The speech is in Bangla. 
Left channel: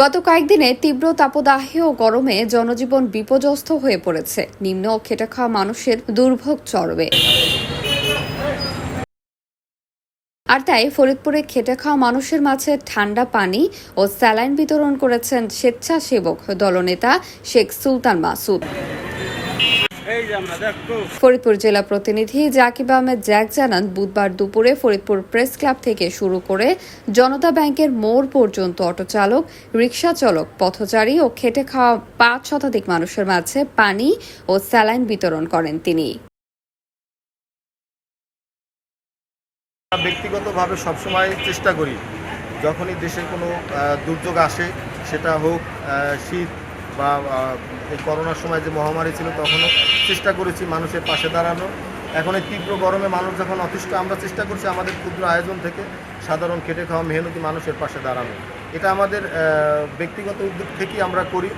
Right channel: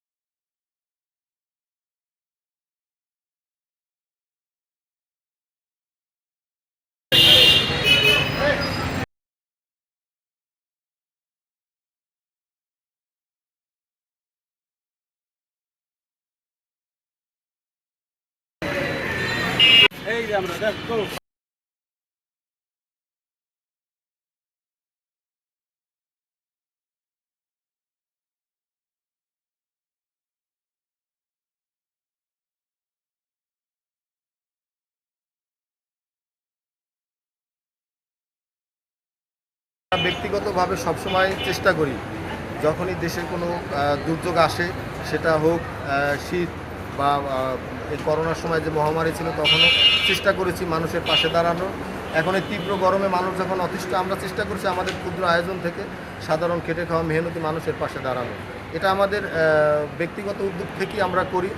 গত কয়েকদিনে তীব্র তাপদাহে ও গরমে জনজীবন বিপর্যস্ত হয়ে পড়েছে। নিম্ন খেটে খাওয়া মানুষের দুর্ভোগ চরবে আর তাই ফরিদপুরে খেটে খাওয়া মানুষের মাঝে ঠান্ডা পানি ও স্যালাইন বিতরণ করেছেন স্বেচ্ছাসেবক দলনেতা শেখ সুলতান মাসুদ। ফরিদপুর জেলা প্রতিনিধি জাকিব আহমেদ জ্যাক জানান বুধবার দুপুরে ফরিদপুর প্রেস ক্লাব থেকে শুরু করে জনতা ব্যাংকের মোড় পর্যন্ত অটো চালক রিক্সা চালক পথচারী ও খেটে খাওয়া পাঁচ শতাধিক মানুষের মাঝে পানি ও স্যালাইন বিতরণ করেন তিনি। ব্যক্তিগতভাবে সবসময় চেষ্টা করি যখনই দেশের কোনো আহ, দুর্যোগ আসে সেটা হোক আহ, শীত বা এই করোনার সময় যে মহামারী ছিল তখনও চেষ্টা করেছি মানুষের পাশে দাঁড়ানো। এখন এই তীব্র গরমে মানুষ যখন অতিষ্ঠ, আমরা চেষ্টা করছি আমাদের ক্ষুদ্র আয়োজন থেকে সাধারণ খেটে খাওয়া মেহনতি মানুষের পাশে দাঁড়ানো। এটা আমাদের ব্যক্তিগত উদ্যোগ থেকেই আমরা করি।